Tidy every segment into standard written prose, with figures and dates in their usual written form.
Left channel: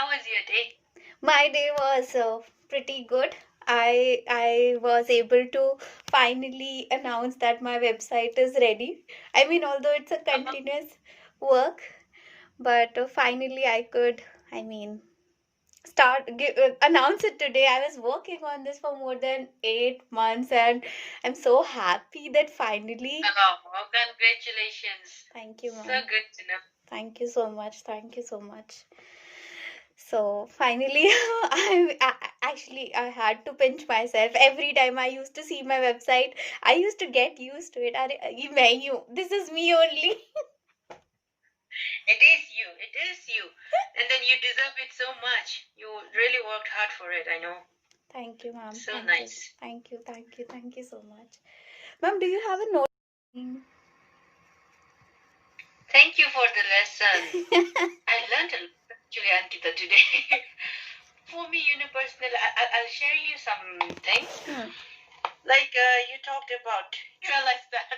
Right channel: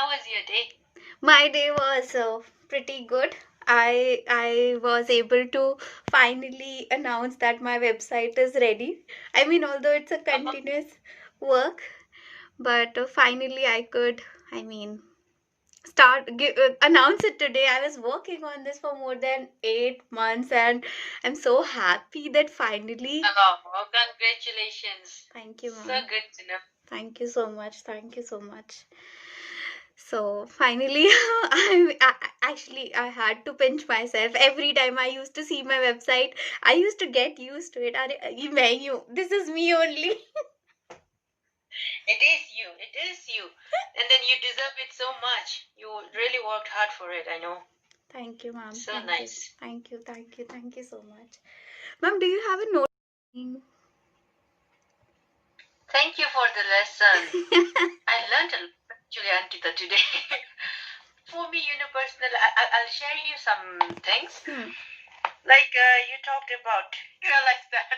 How was your day? My day was pretty good. I was able to finally announce that my website is ready. I mean, although it's a continuous work, but finally I could, I mean, announce it today. I was working on this for more than 8 months, and I'm so happy that finally. Oh, congratulations. Thank you, So ma'am. good to know. Thank you so much. Thank you so much. So finally, actually I had to pinch myself every time I used to see my website. I used to get used to it. अरे मैं ही हूँ. This is me only. It is you. It is you. And then you deserve it so much. You really worked hard for it, I know. Thank you, ma'am. So Thank you. nice. Thank you. Thank you. Thank you so much. Ma'am, do you have a note? Thank you for the lesson. I learned a lot actually, Ankita, today. For me, personally, I'll share you some things. Like you talked about, realize that.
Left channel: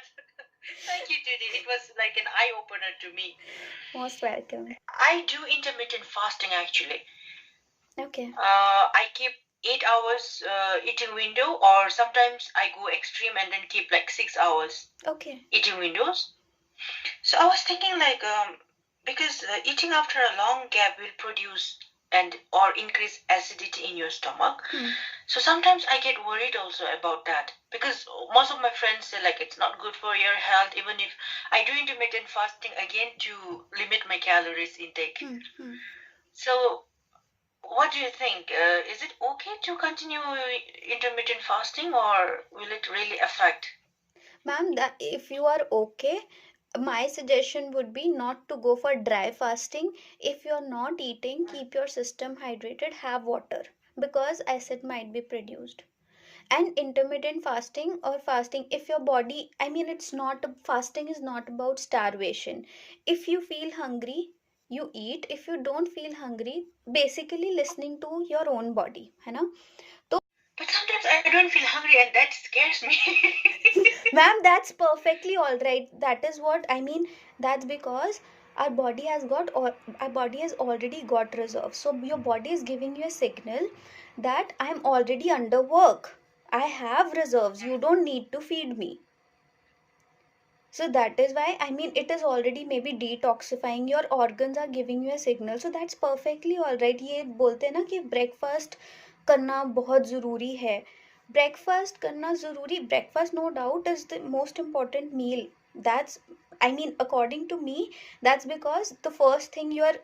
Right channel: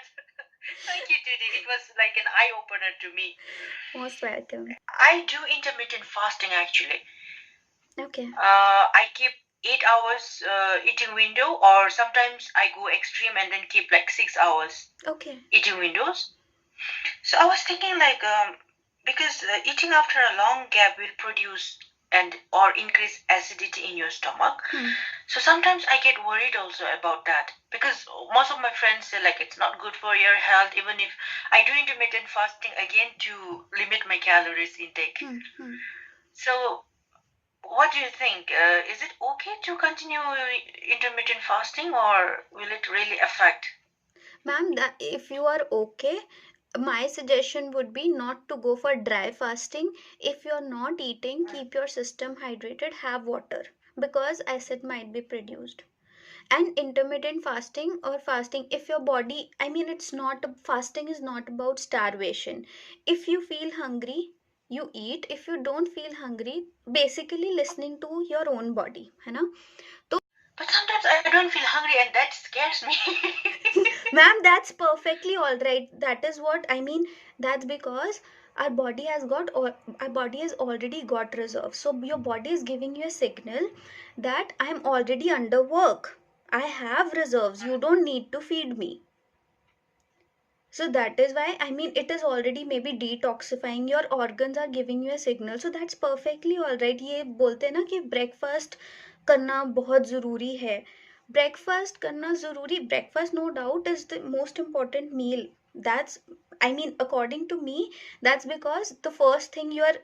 Thank you, today. It was like an eye opener to me. Most welcome. I do intermittent fasting actually. Okay. I keep 8 hours eating window, or sometimes I go extreme and then keep like 6 hours Okay. eating windows. So I was thinking like because eating after a long gap will produce and or increase acidity in your stomach. So sometimes I get worried also about that, because most of my friends say like it's not good for your health, even if I do intermittent fasting again to limit my calories intake. So what do you think? Is it okay to continue intermittent fasting, or will it really affect? Ma'am, that if you are okay, my suggestion would be not to go for dry fasting. If you're not eating, keep your system hydrated, have water, because acid might be produced. And intermittent fasting or fasting, if your body, I mean, it's not, fasting is not about starvation. If you feel hungry, you eat. If you don't feel hungry, basically listening to your own body, है ना? But sometimes I don't feel hungry, and that scares me. Ma'am, that's perfectly all right. That is what I mean. That's because our body has already got reserves. So your body is giving you a signal that I'm already under work. I have reserves. You don't need to feed me. So that is why, I mean, it is already maybe detoxifying. Your organs are giving you a signal. So that's perfectly all right. ये बोलते हैं ना कि breakfast करना बहुत ज़रूरी है. Breakfast करना ज़रूरी. Breakfast no doubt is the most important meal. That's, I mean, according to me, that's because the first thing you are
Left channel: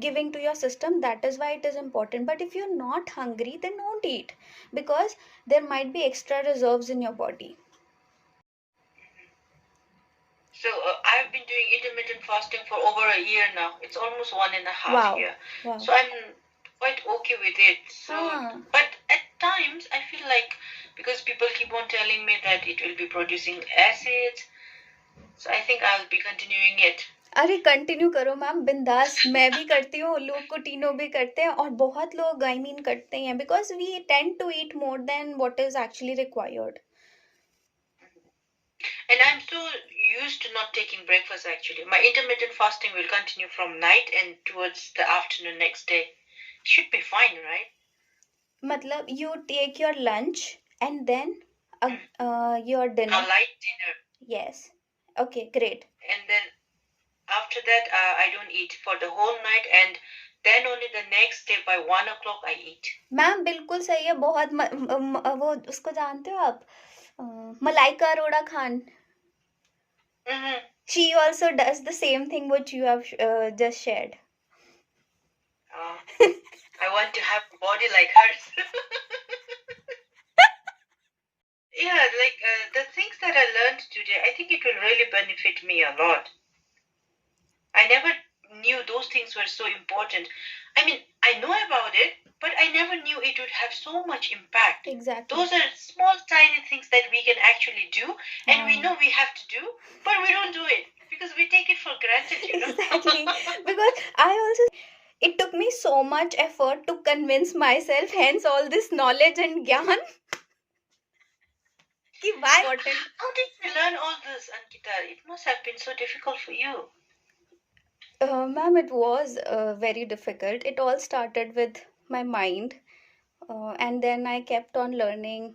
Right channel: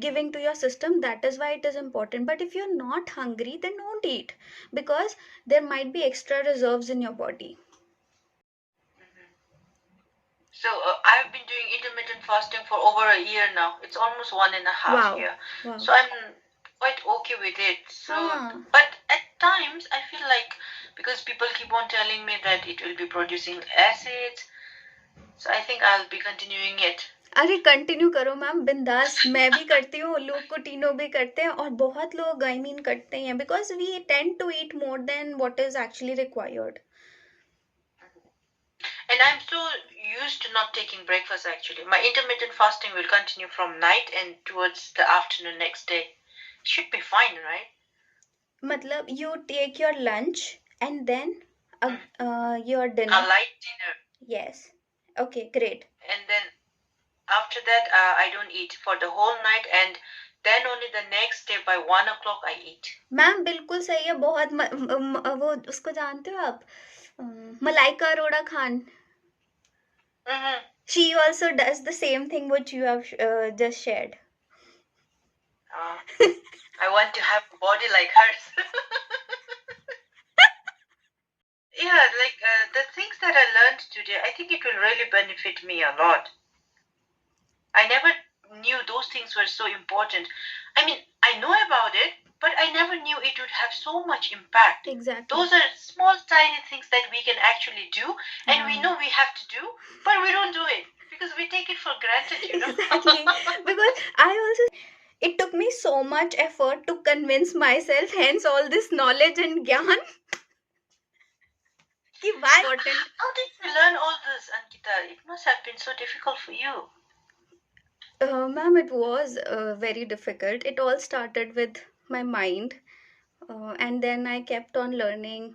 giving to your system, that is why it is important. But if you're not hungry, then don't eat, because there might be extra reserves in your body. So I've been doing intermittent fasting for over a year now. It's almost 1.5 Wow. year. Wow. So I'm quite okay with it. So, but at times I feel like, because people keep on telling me that it will be producing acids, so I think I'll be continuing it. अरे continue करो ma'am, बिंदास. मैं भी करती हूँ, लोग को टीनो भी करते हैं, और बहुत लोग आई मीन करते हैं, because we tend to eat more than what is actually required. And I'm so used to not taking breakfast actually. My intermittent fasting will continue from night and towards the afternoon next day. Should be fine, right? मतलब you take your lunch and then your dinner. A light dinner. Yes. Okay, great. And then after that, I don't eat for the whole night, and then only the next day by 1 o'clock I eat. Ma'am बिल्कुल सही है. बहुत वो उसको जानते हो आप, Malaika Arora Khan. She also does the same thing which you have just shared. I want to have a body like hers. Yeah, like the things that I learned today, I think it will really benefit me a lot. I never knew those things were so important. I mean, I know about it, but I never knew it would have so much impact. Exactly. Those are small, tiny things that we can actually do, and we know we have to do, but we don't do it because we take it for granted, Exactly. Because I also, it took me so much effort to convince myself, hence all this knowledge and gyan. Why important? How did you learn all this, Ankita? It must have been so difficult for you. Ma'am, it was very difficult. It all started with my mind, and then I kept on learning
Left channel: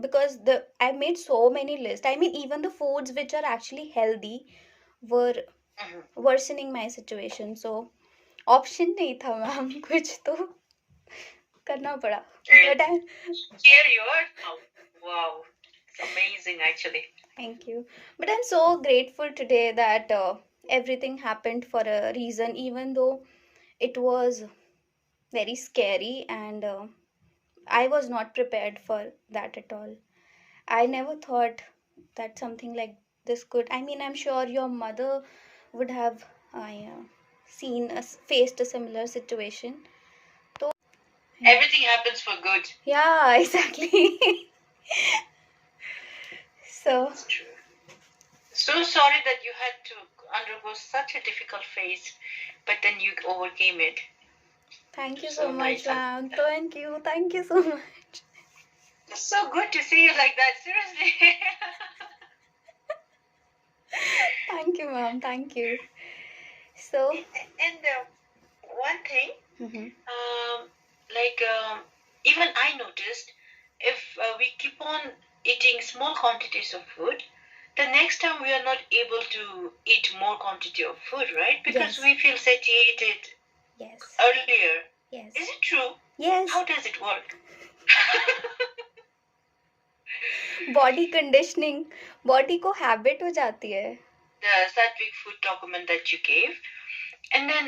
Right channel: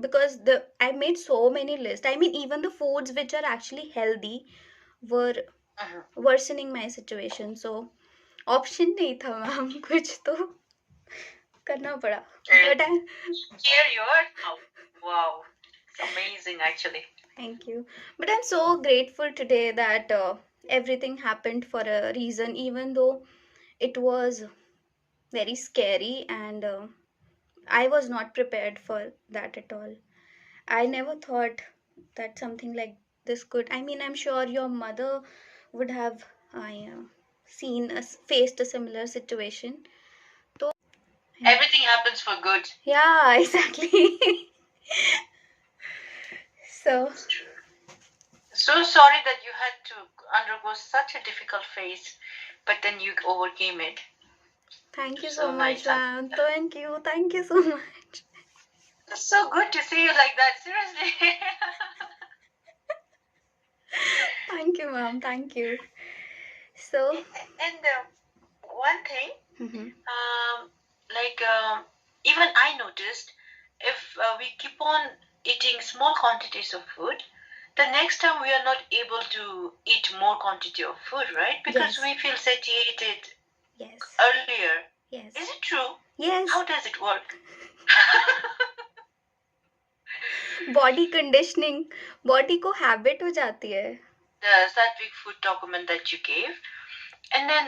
because the I made so many lists. I mean, even the foods which are actually healthy were Mhm. worsening my situation. So option नहीं था ma'am कुछ तो करना पड़ा And but I here you are now. Wow, it's amazing actually. thank you but I'm so grateful today that everything happened for a reason even though it was very scary and I was not prepared for that at all. I never thought that something like this could. I mean, I'm sure your mother would have seen us faced a similar situation. So, Everything happens for good. yeah, exactly. So, It's true. So sorry that you had to undergo such a difficult phase, but then you overcame it. thank you so So much, nice. ma'am. Thank you so much. It's so good to see you like that. Seriously. Thank you, ma'am. Thank you. So, And one thing, mhm. like even I noticed, if we keep on eating small quantities of food, the next time we are not able to eat more quantity of food, right? Because Yes. we feel satiated Yes. earlier. Yes. Is it true? Yes. How does it work? Body conditioning body को habit हो जाती है. The Sattvic food document that you gave, and then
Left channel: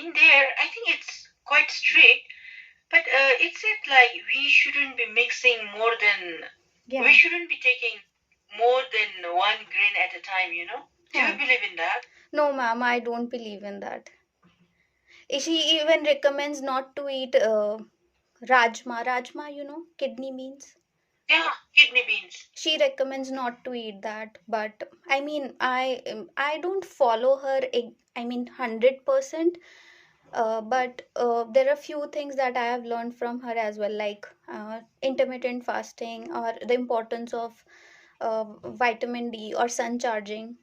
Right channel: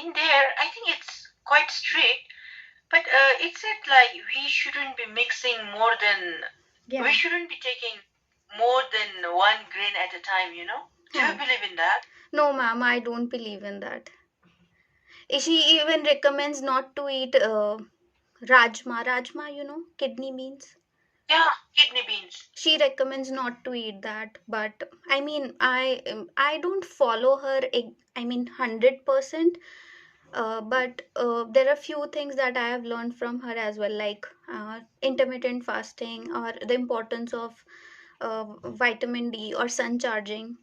in there, I think it's quite strict, but it said like we shouldn't be mixing more than, Yeah. we shouldn't be taking more than 1 grain at a time, you know? Do you believe in that? No, ma'am, I don't believe in that. She even recommends not to eat rajma. Rajma, you know, kidney beans. Yeah, kidney beans. She recommends not to eat that, but I mean, I don't follow her. I mean, 100%. But there are few things that I have learned from her as well, like intermittent fasting or the importance of vitamin D or sun charging.